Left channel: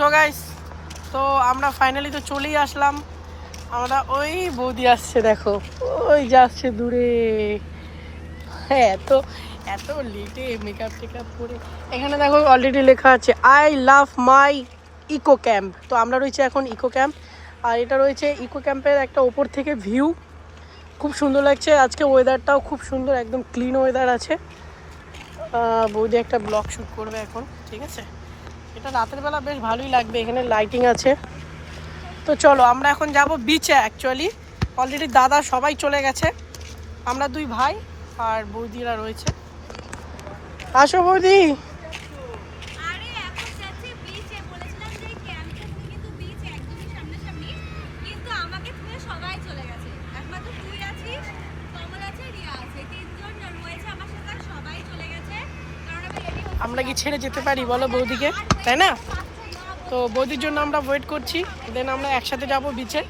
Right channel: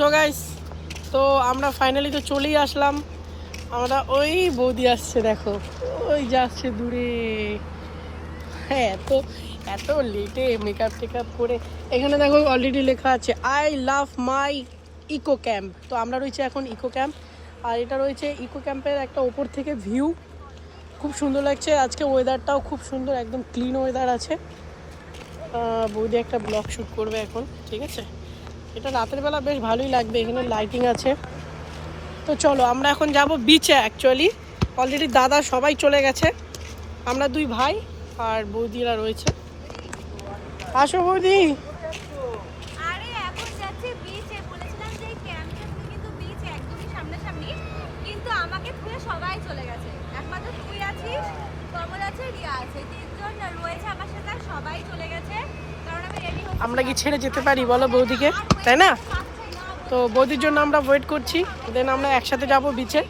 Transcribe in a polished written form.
So guys, তো আমরা finally তো চলেই আসলাম। আমরা ওই বৌদি আসছে, দেখো ওই যাচ্ছে দূরে। হ্যাঁ, এত এত লেটে মেকআপ টেকআপ করে এখানে দেখো অলরেডি লেখা আছে I love my eco camp. তো আমরা রয়েছে এখন ইকো ক্যাম্প, আর এটা রয়েছে ইকো ক্যাম্পের একটা ওপর থেকে ভিউ, খুব সুন্দর লাগছে। আজকে ওয়েদারটাও খুব সুন্দর, একদম ক্লিন ওয়েদার আছে। বৌদি একটা ব্লগ শ্যুট করবে এখন, ঠিক আছে। এটা রাতের বেলা বেশ ভালোই লাগবে, এখানে লাইটিং আছে। তো চলো আমরা এখন যাব বিচে। অ্যাকচুয়ালি অলরেডি দাদা সবাই চলে গেছে, আমরা দুই ভাই আর বৌদিরা রয়েছে। আসো বৌদি। আমরা কি ছেড়ে যেতে পারি বলো বৌদিকে, তাই না? তো বৌদির জন্য আমরা ওয়েট করছি, দেন আমরা একসাথে যাব বিচে।